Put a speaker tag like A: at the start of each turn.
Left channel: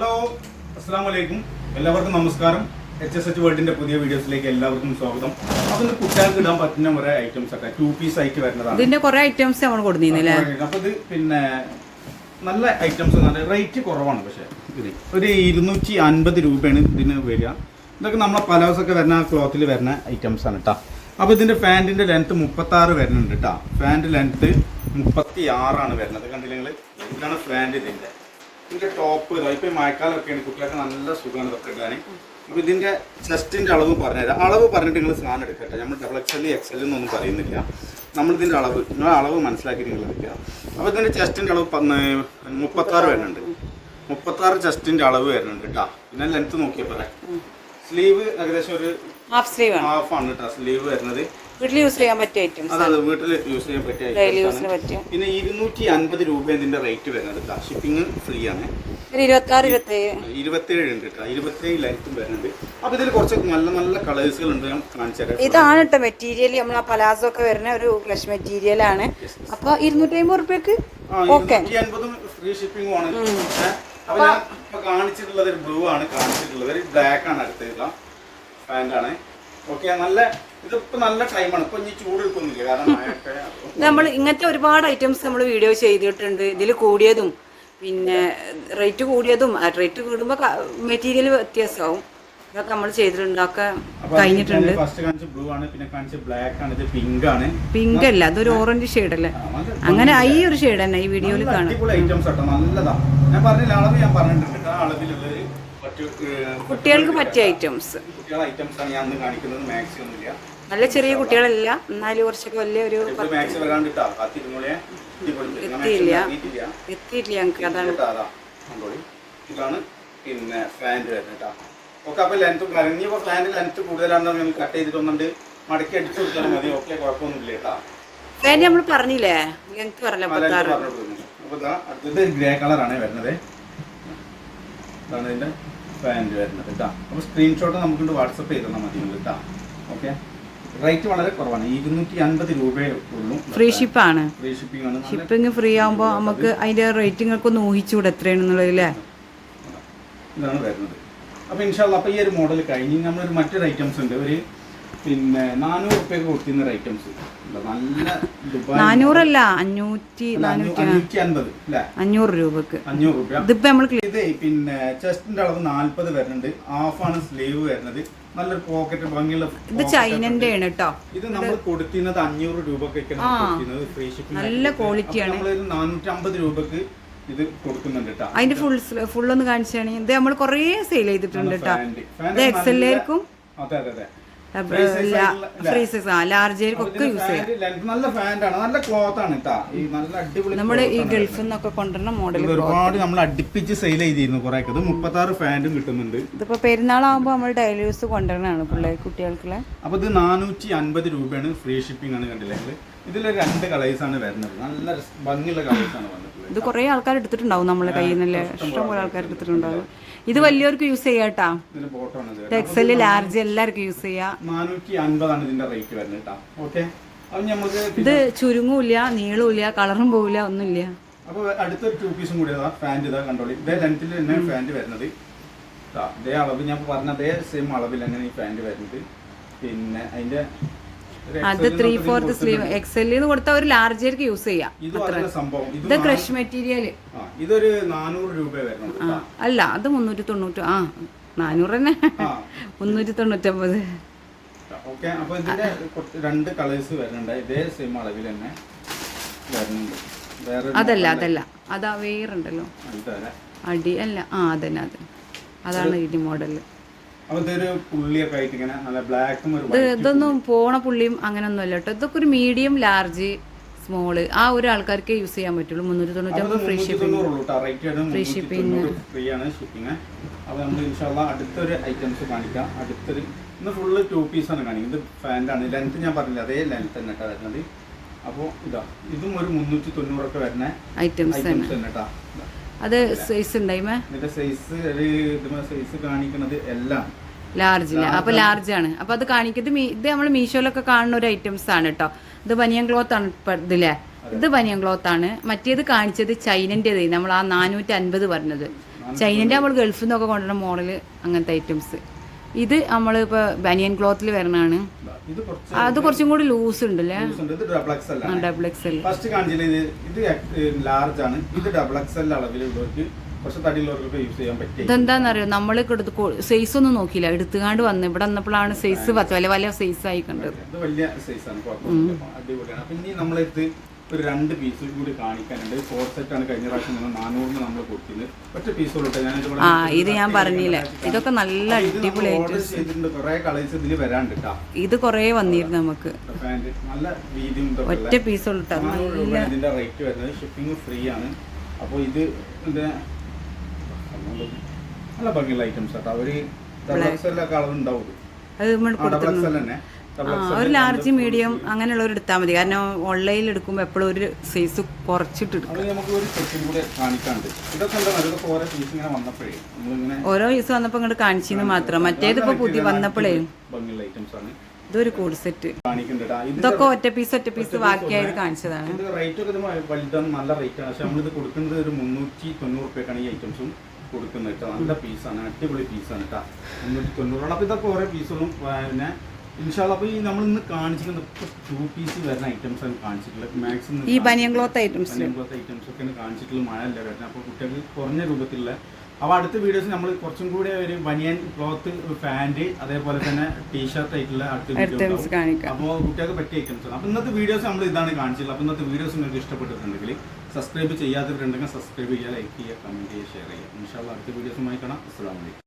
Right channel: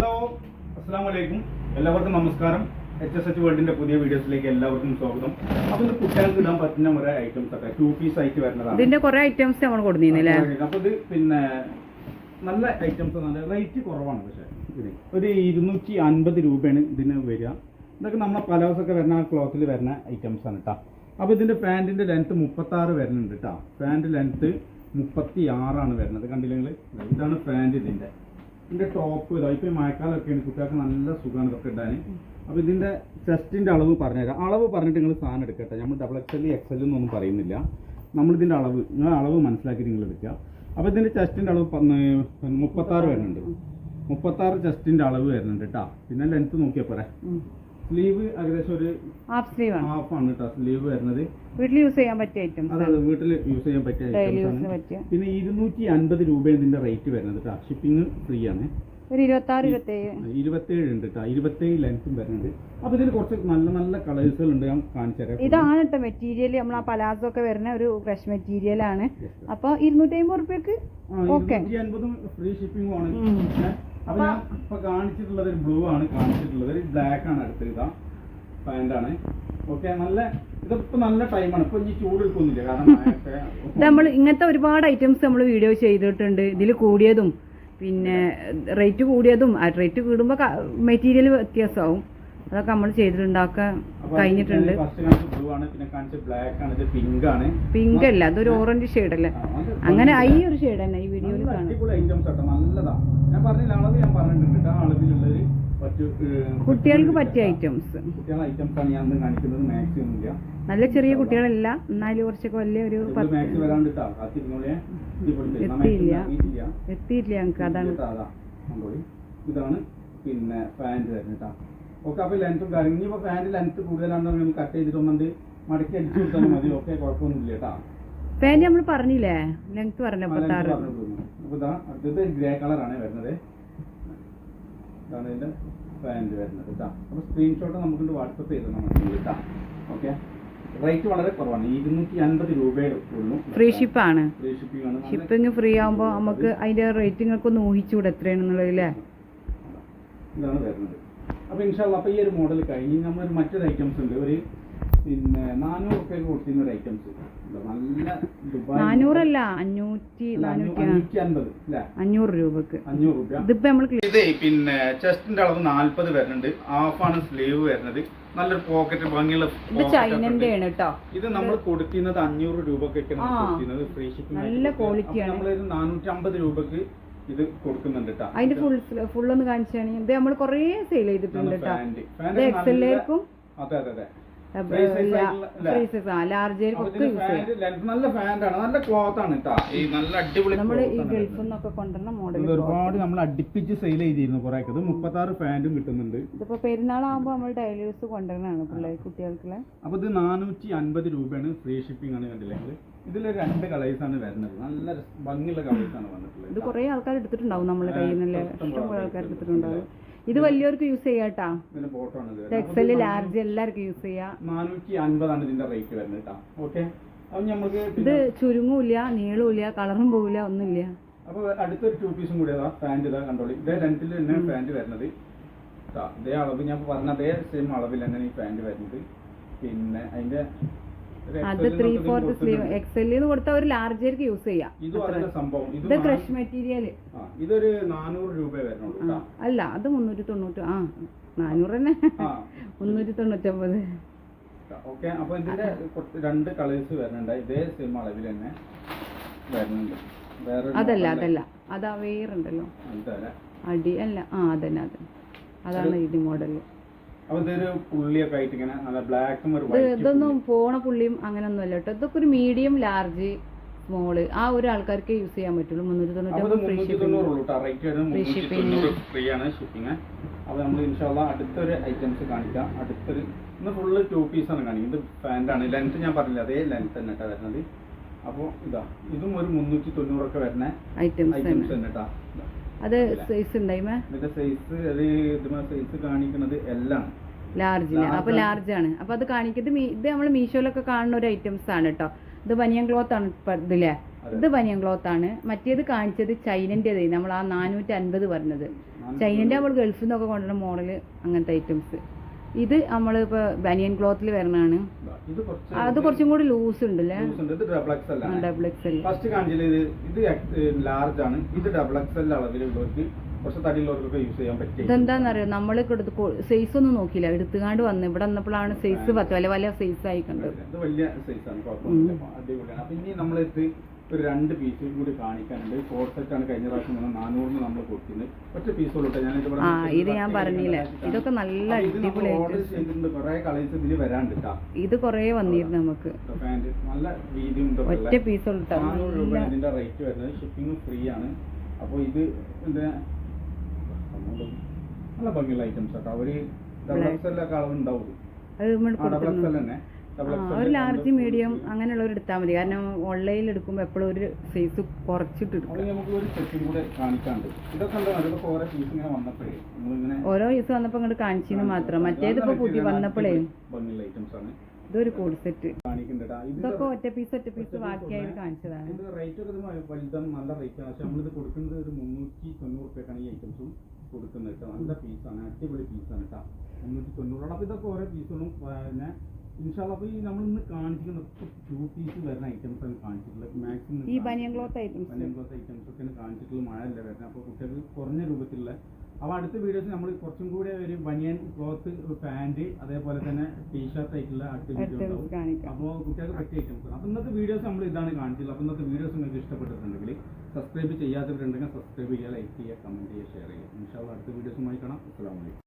A: Hello അസ്സാം വലൈക്കും എല്ലാവർക്കും നമസ്കാരം. എച്ച് എസ് എച്ച് വേൾഡിന്റെ പുതിയ വീഡിയോസിലേക്ക് എല്ലാവർക്കും സ്വാഗതം. അപ്പൊ കുട്ടികൾക്ക് ഇടാൻ പറ്റുന്ന കുറെ ഐറ്റംസ് ഒക്കെ ടു പീസ് ആയിട്ട് വരുന്നതാണ്.
B: ഇതിന്റെ കുറെ ഐറ്റംസ് നമ്മൾ കൊടുന്നില്ലേ
A: അപ്പൊ ഇത് പിന്നെ നല്ല ഐറ്റംസ് റേറ്റ് കുറവാണ് പക്ഷെ. ഇത്. ഒരു ഇരുന്നൂറ്റി അൻപത് രൂപയാണ് ഇതിന് വരിക. ഇതൊക്കെ നമ്മളെ പലാസൊക്കെ വരുന്ന ക്ലോത്തിൽ വരുന്ന ഐറ്റംസ് ആണ് കേട്ടോ അപ്പോൾ ഇതിന്റെ ഫാന്റിന്റെ ലെങ്ത് മുപ്പത്തി ആറ് വരുന്നുണ്ട് കേട്ടോ ഫാന്റ് ലെങ്ത് മുപ്പത്തി ആറാണ് വരുന്നത് കണ്ടില്ലെങ്കിൽ ഇതാണ് ഫാന്റ് ഇതിന്റെ ഇതിന്റെ ടോപ്പ് ഇതാ ഇപ്പൊ മഴക്കാലമൊക്കെയാണ് കുട്ടികൾക്ക് നല്ല സുഖമാണ് ഇതൊക്കെ ഇടാൻ അപ്പോൾ ഇതിന്റെ ചെസ്റ്റിന്റെ അളവ് പറഞ്ഞുതരാം. അളവ് പറഞ്ഞിട്ട് നിങ്ങൾ സാധനം എടുക്കട്ടെ. നമ്മൾ ഡബിൾ എക്സ് എല്ലും എക്സ് എല്ലും എന്നൊന്നും പറയുന്നില്ല. നമ്മളിതിന്റെ അളവ് അളവ് മനസ്സിലാക്കി നിങ്ങൾ എടുക്കുക. അപ്പോൾ ഇതിന്റെ ചെസ്റ്റിന്റെ അളവ് മുപ്പത്താറ് വരുന്നുണ്ട് മുപ്പത്താറ് ചെസ്റ്റിന്റെ അളവ് വരുന്നുണ്ട് കേട്ടോ. പിന്നെ ലെങ്ത്ത് നോക്കിയാൽ പോരെ. സ്ലീവ് ഏകദേശം ഒരു
B: ഹാഫ് സ്ലീവ് ആണ്.
A: ഹാഫ് ആണ് കേട്ടോ സ്ലീവ് വരുന്നത്.
B: വീട്ടിൽ യൂസ് ചെയ്യാൻ പറ്റിയ ഐറ്റംസ്
A: അതെ വീട്ടിൽ യൂസ് ചെയ്യാൻ പറ്റിയ
B: ഐറ്റംസ്
A: ആണ്. പിന്നെ ഇരുന്നൂറ്റി അൻപത് രൂപ ഇതിന്റെ റേറ്റ് വരുന്നത് ഷിപ്പിംഗ് ഫ്രീ ആണ്. ഇരുപത്തേഴ്. ഉണ്ട് കേട്ടോ ഇരുപത്തേഴ് ലെങ്ത്തും വരുന്നത് അപ്പൊ ഇതിൽ കുറച്ച് നല്ല നല്ല കളേഴ്സുകൾ ഉണ്ട് ഞാൻ കാണിച്ചു തരാം.
B: ഇതാണ് കേട്ടോ മെറ്റീരിയൽ നമ്മൾ ആ പലാസോ ഒക്കെ വരുന്ന ഒരു ഫ്രഷ് മെറ്റീരിയൽ ആണ്. അപ്പൊ ഇരുന്നൂറ്റി അമ്പത് റുപ്യക്ക് ഓക്കെ
A: ഫ്രീ ഷിപ്പിംഗും ആണ്. അപ്പൊ ഞാൻ ഇപ്പൊ കാണിച്ചിട്ടുള്ളത് ഒരു ബ്ലൂ ആണ് കാണിച്ചിട്ടുള്ളത് ഒരു ബ്ലാക്ക് ആണ് അടുത്ത ഇതാ ആണ്. ഓക്കെ നല്ല ഇതിപ്പോ നല്ല ടൈമാണ് ഇപ്പൊ ഇനി ചൂട് എടുക്കുന്നില്ല കാരണം
B: നമ്മൾ ഇങ്ങനത്തെ ഒരുപാട് ഐറ്റംസ് നമ്മൾ വീഡിയോ ചെയ്തിട്ടുണ്ട്. ഇതിൽ കൂടിയതും പിന്നെ റേറ്റ് കൂടിയതും റേറ്റ് കൂടുമ്പോൾ മെറ്റീരിയൽ വ്യത്യാസമാവും. അതൊക്കെ നമ്മൾ ചെയ്തിട്ടുണ്ട്. ഒക്കെ കഴിഞ്ഞിട്ടുണ്ട്.
A: പിങ്ക് ആണ്.
B: പിങ്ക് അല്ല അതൊരു ഓറഞ്ച് ഷെയ്ഡ് അല്ലേ? അങ്ങനെ ഈ ഒരു ഷെയ്ഡ് തന്നെ ഈ വീഡിയോയിൽ കാണാം. കുട്ടികൾക്ക് പറ്റിയ ഐറ്റംസ് നല്ല ചെറിയ കുട്ടികളല്ല. എന്നാലും കുറച്ചൊക്കെ വലിയ ഒരു എത്തിയില്ല. എത്തിയിട്ടില്ല ഞങ്ങൾക്ക് അതാണ്.
A: ഇതാണ് പിന്നെ ഫാന്റ് വരുന്നത് കേട്ടോ ഓക്കെ അപ്പൊ ലെങ്ത് കരഞ്ഞപ്പോ ഫാനിന്റെ ലെങ്ത് കൂടുതലാണെന്ന് നമ്മൾ കട്ട് ചെയ്തിട്ടൊന്നുണ്ട്. മടക്കി അടിച്ചു കൊടുത്താൽ മതി. ഓക്കെ കുഴപ്പമൊന്നുമില്ല കേട്ടോ.
B: ഫാൻ നമ്മൾ പറഞ്ഞില്ലേ? ലെങ്ത് പറഞ്ഞ
A: ആ, length
B: പത്താറ്.
A: പറഞ്ഞു അപ്പൊ ഇതാ അടുത്തത് ഗ്രേ കളറാണ് വരുന്നത്. ഇതാണ് വരുന്നത് കേട്ടോ. അപ്പൊ സ്ക്രീൻഷോട്ട് നമുക്ക് വാട്സപ്പ് ചെയ്ത് തന്നാൽ മതി കേട്ടോ. ഓക്കെ. റേറ്റ് വളരെ കുറവാണ്. ഇരുന്നൂറ്റി അൻപത് രൂപയേ ഉള്ളൂ
B: ഫ്രീ ഷിപ്പാണ്
A: ഫ്രീ ഷിപ്പിംഗ് ആണ്.
B: ഷിപ്പിംഗ് ഫ്രീ ആകുമ്പോൾ നമുക്ക് അതിന്റെ റേറ്റിംഗ് ഒന്ന് ഊഹിച്ചുകൂടെ എത്രയാണെന്നുള്ളത് അല്ലേ?
A: ഇതാണ് വരുന്നത്. അപ്പൊ ഇൻഷാല്ല അപ്പോൾ ഈ ഒരു മോഡൽ കഴിഞ്ഞ് നമ്മളൊരു മറ്റൊരു ഐറ്റംസ് ഉണ്ട്. ഒരു പിന്നെ നാനൂറ് റുപ്യക്ക് കൊടുത്തിരുന്ന ഒരു ഐറ്റംസ് നല്ല ദുബായ്
B: നാനൂറല്ല അഞ്ഞൂറ്റി
A: അഞ്ഞൂറ്റി അൻപത് അല്ലേ?
B: അഞ്ഞൂറ് രൂപക്ക്.
A: അഞ്ഞൂറ് രൂപ.
B: ഇതിപ്പോ നമ്മൾ
A: ഇത് പിന്നെ ചെസ്റ്റിന്റെ അളവ് നാല്പത് വരുന്നുണ്ട്. ഹാഫാണ് സ്ലീവ് വരുന്നത്. നല്ലൊരു പോക്കറ്റ് ഭംഗിയുള്ള
B: ഇത്
A: pocket
B: ചൈനന്റെ ആണ് കേട്ടോ
A: ഇത് നമ്മൾ കൊടുത്തിരുന്നത് അഞ്ഞൂറ് രൂപക്കൊക്കെയാണ് കൊടുത്തിരുന്നത്. ഫ്രീ ഷിപ്പിംഗ്
B: നല്ല ക്വാളിറ്റിയാണ് ആണ്.
A: നമ്മളൊരു നാനൂറ്റി അമ്പത് രൂപക്ക് ഇത് കൊടുക്കുന്നുണ്ട് കേട്ടോ
B: അതിന്റെ ഫുൾ ഫുൾ ഒന്ന് കാണിച്ചാണ് ഇത് നമ്മൾ കുറേ സെയിൽ ചെയ്തിട്ടുണ്ട് കേട്ടോ
A: ഫാന്റ്. ഫാന്റ്
B: ഇത് എക്സ്
A: നല്ല- അതെ അതെ അതെ. അപ്പൊ നല്ല ഫാൻഡാണ് നല്ല ക്ലോത്ത് ആണ് ഈ നല്ല അടിപൊളി
B: നമ്മുടെ ഈ ഗൾഫിൽ നിന്നൊക്കെ കൊണ്ടുവരുന്ന മോഡൽ
A: ഒരുപാട് നമ്മൾ അടുപ്പിച്ച് സെയിൽ ചെയ്തിരുന്നു കുറെ ഇത് മുപ്പത്തി ആറ് ഫാന്റും കിട്ടുന്നുണ്ട്.
B: ഇതിപ്പോ പെരുന്നാളാകുമ്പോ നമ്മൾ ഡെയിലി യൂസ് കൊണ്ടുവരണതാണ് പിള്ളേർ കുട്ടികൾക്കുള്ള.
A: അപ്പോൾ ഇത് നാനൂറ്റി അൻപത് രൂപയാണ് ഫ്രീ ഷിപ്പിംഗ് ആണ് കണ്ടില്ലേ? ഇതിൽ രണ്ട് ആണ് വരുന്നത്. നല്ല ഭംഗിയുള്ള കളേഴ്സ് ആണ് വന്നിട്ടുള്ളത്.
B: ഇത് കുറേ ആൾക്കാർ എടുത്തിട്ടുണ്ടാവും നമ്മളെ കയ്യിൽ നിന്നല്ലേ? ഇഷ്ടംപോലെ ആൾക്കാർ എടുത്തിട്ടുണ്ടാവും. ഇത് വലിയവർക്ക് യൂസ് ചെയ്യാട്ടാ എക്സൽ ലാർജ് എല്ലാവർക്കും യൂസ് ചെയ്യാം.
A: നാനൂറ്റി അൻപതാണ് ഇതിന്റെ റേറ്റ് വരുന്നത് കേട്ടോ. ഓക്കെ അപ്പൊ
B: ഇത് ചുരുങ്ങൂല്ല നീളൂല്ല കളറും പോവില്ല ഒന്നുമില്ല.
A: അപ്പോൾ അടുത്തൊരു ടൂ പീസും കൂടി ഫാന്റ് ഇതാ കണ്ടോളി. ഇതേ ലെങ്ത്തിൽ തന്നെ ഫാന്റ് വരുന്നത്. ഇതാ അളവ്. ഞാൻ പറഞ്ഞ അതേ സെയിം അളവിൽ തന്നെ ഈ ഫാന്റ് വരുന്നത്. പിന്നെ അതിന്റെ
B: അത് ത്രീ ഫോർത്ത് സ്ലീവ്. എക്സലിന്ന് കൊടുത്താൽ ഒരു ലാർജർക്ക് യൂസ് ചെയ്യാം.
A: ഇത്
B: ക്രഷ് മെറ്റീരിയൽ
A: ഇതൊരു നാനൂറ് രൂപ
B: അല്ല അത് മുന്നൂറ്റി തൊണ്ണൂറ്റി ആ നാനൂറ് തന്നെ. മുന്നൂറ്റി തൊണ്ണൂറ്റൊമ്പത്.
A: ഓക്കെ. രണ്ട് കളേഴ്സ് വരുന്നുണ്ട്. ഇതേ സെയിം അളവിൽ തന്നെ വരുന്നുണ്ട്.
B: അതല്ല അതല്ല. അതാ വേറുണ്ടല്ലോ. അടി അല്ല. ആ അതന്നെ അത് അതാണ് ഈ
A: മോഡൽ.
B: ഇതൊന്നും പോണ പുള്ളിയും അങ്ങനെയൊന്നും അല്ല കേട്ടോ. ഇതൊക്കെ ഒരു മീഡിയം ലാർജ് സ്മോൾ ആ ഒരു ആൾക്കാർക്ക് യൂസ് ചെയ്യാൻ പറ്റുള്ളൂ. മുന്നൂറ്റി തൊണ്ണൂറ്റൊമ്പത് ഫ്രീ ഷിപ്പിംഗ്
A: ഫ്രീ ആണ് ഷിപ്പിംഗ് അപ്പോൾ നമ്മൾ ഇൻഷാല്ല അടുത്തൊരു ഐറ്റംസ് കാണിക്കാം. അടുത്തൊരു ഇന്ന് ഫുള്ള് ടു പീസ് ആണ് കാണിക്കുന്നത്. ലെങ്ത് ഞാൻ പറഞ്ഞില്ല? അതേ ലെങ്ത് തന്നെ കേട്ടോ വരുന്നത്. അപ്പോൾ ഇതാ ഇതും ഒരു മുന്നൂറ്റി തൊണ്ണൂറൊക്കെ വരുന്ന
B: ഐറ്റംസ് തന്നെ
A: കേട്ടോ.
B: അത് സൈസ് ഉണ്ടായിമേ
A: സൈസ് സൈസ് കാണിക്കുന്നത് എല്ലാം.
B: ലാർജിന് അപ്പൊ ലാർജ് ആണ്. അപ്പൊ അത് കാണിക്കുന്നത് ഇത് നമ്മൾ മീഷോയിലൊക്കെ കാണുന്ന ഒരു ഐറ്റംസ് ആണ് കേട്ടോ ഇത് ബനിയൻ ക്ലോത്ത് ആണ് ഇതില്ലേ ഇത് ബനിയൻ ക്ലോത്ത് ആണ്. മറ്റേത് കാണിച്ചത് ചൈനന്റെത് നമ്മൾ ആ നാനൂറ്റി അൻപത് പറഞ്ഞത് ചൈനന്റെ നമ്മൾ ഗൾഫിൽ നിന്നൊക്കെ കൊണ്ടുവരുന്ന മോഡൽ അങ്ങനത്തെ ഐറ്റംസ് ഇത് നമ്മൾ നമ്മളിപ്പോൾ ബനിയൻ ക്ലോത്തിൽ വരണതാണ്
A: കുറച്ച്
B: അത് കുറച്ചും കൂടി ലൂസ്
A: ഉണ്ട്. ഡബിൾ എക്സ് അല്ല
B: ഡബിൾ എക്സ് എൽ
A: ഫസ്റ്റ് കാണിച്ചില്ല ഇത് ഇത് ലാർജ് ആണ്. ഇത് ഡബിൾ എക്സ് എൽ അളവിലുള്ളവർക്ക്
B: ഇതെന്താണെന്നറിയോ നമ്മൾ എടുത്ത് സൈസ് ഒന്നും നോക്കിയില്ല. എടുത്തുകാണ്ട് വന്ന്. ഇവിടെ വന്നപ്പോഴാണ് സൈസ് പത്ത്. വല്ല വല്ല സൈസ് ആയി കണ്ടത്
A: വലിയ സൈസാണ് അടിപൊളിയാണ്. അപ്പൊ ഇനി നമ്മളെടുത്ത് ഒരു രണ്ട് പീസ് കൂടി കാണിക്കാനുണ്ട്. ഫോർ സെറ്റ് ആണ് കഴിഞ്ഞ പ്രാവശ്യം നമ്മൾ നാനൂറിന് നമ്മൾ കൊടുക്കുന്നത് ഒറ്റ പീസ് ഉള്ളട്ടെ ഞാൻ
B: ആ ഇത് ഞാൻ പറഞ്ഞില്ല. ഇതൊക്കെ നല്ല അടിപൊളി
A: ഓർഡർ
B: ഐറ്റംസ്
A: ചെയ്തിട്ടുണ്ട്. കുറെ കളേഴ്സ് ഇതിൽ വരാണ്ട് കേട്ടാ.
B: ഇത് കുറേ വന്നിരുന്നു നമുക്ക്.
A: നല്ല വീതിയും
B: ഒറ്റ പീസ് ഉള്ളു
A: ഇതിന്റെ റേറ്റ് വരുന്നത്. ഷിപ്പിംഗ് ഫ്രീ ആണ്. അപ്പോൾ ഇത് നല്ല ഭംഗിയുള്ള ഐറ്റംസ് ആട്ടോ അവർ ഡബിൾ എക്സ് എല്ലാം കളർ ഉണ്ടാവും
B: അത് നമ്മൾ
A: ആ
B: ഒരു ലാർജ് മീഡിയം അങ്ങനെയുള്ളവർ എടുത്താൽ മതി. കാരണം ഓൺലൈനിൽ എടുക്കുമ്പോൾ എപ്പോഴും ഒരു സൈസ് കുറച്ചിട്ട്
A: ഒരു ഓരോ പീസ്
B: ദിവസം വന്നപ്പോൾ ഇങ്ങോട്ട് കാണിച്ചെന്ന് മാത്രം. മറ്റേത് ഇപ്പൊ പുതിയ വന്നപ്പോഴേ
A: ഭംഗിയുള്ള ഐറ്റംസ് ആണ്.
B: ഇതൊരു കൂട് സെറ്റ് ഇതൊക്കെ ഒറ്റ പീസ് ഒറ്റ പീസ് ബാക്കിയായത് കാണിച്ചതാണ്.
A: നല്ല റേറ്റ് ആണ്. പക്ഷെ നമ്മളിത് കൊടുക്കുന്നത് ഒരു മുന്നൂറ്റി തൊണ്ണൂറ് റുപ്യക്കാണ് ഈ ഐറ്റംസും കൊടുക്കുന്നത് കേട്ടോ. നല്ല പീസാണ് അടിപൊളി പീസാണ് കേട്ടോ. മുന്നൂറ്റി തൊണ്ണൂറോളം. അപ്പൊ ഇതൊക്കെ ഓരോ പീസുകളും പിന്നെ ഇൻഷാല്ല അപ്പോൾ ഈ നമ്മൾ ഇന്ന് കാണിച്ചിരിക്കുന്ന ടു പീസ് വരുന്ന ഐറ്റംസ് ആണ് കാണിച്ചിട്ടുള്ളത്. മാക്സിമം
B: ഈ ബനിയൻ ക്ലോത്ത് ഐറ്റംസ്
A: പോലത്തെ ഐറ്റംസ് ഒക്കെ കാണിച്ചിട്ടുള്ള മഴ അല്ല വരുന്നത്. അപ്പോൾ കുട്ടികൾക്ക് കുറഞ്ഞ രൂപത്തിലുള്ള അപ്പോൾ അടുത്ത വീഡിയോസ് നമ്മൾ കുറച്ചും കൂടി ഒരു ബനിയൻ ക്ലോത്ത് പാന്റ് അതേപോലെ തന്നെ ടീഷർട്ട് ആയിട്ടുള്ള അടുത്ത വീഡിയോ
B: കാണിക്കാം.
A: അപ്പോൾ കുട്ടികൾക്ക് പറ്റിയ ഐറ്റംസ് ആണ്. അപ്പോൾ ഇന്നത്തെ വീഡിയോസ് നമ്മൾ ഇതാണ് കാണിച്ചിട്ടുള്ളത്. അപ്പോൾ ഇന്നത്തെ വീഡിയോസ് നിങ്ങൾക്ക് ഇഷ്ടപ്പെട്ടിട്ടുണ്ടെങ്കിൽ സബ്സ്ക്രൈബ് ചെയ്യാത്തവരുണ്ടെങ്കിൽ സബ്സ്ക്രൈബ് ചെയ്യുക ലൈക്ക് ചെയ്യുക കമന്റ് ചെയ്യുക ഷെയർ ചെയ്യുക. ഇൻഷാല്ല അടുത്ത വീഡിയോസുമായി കാണാം. അസ്സാം വലൈക്കും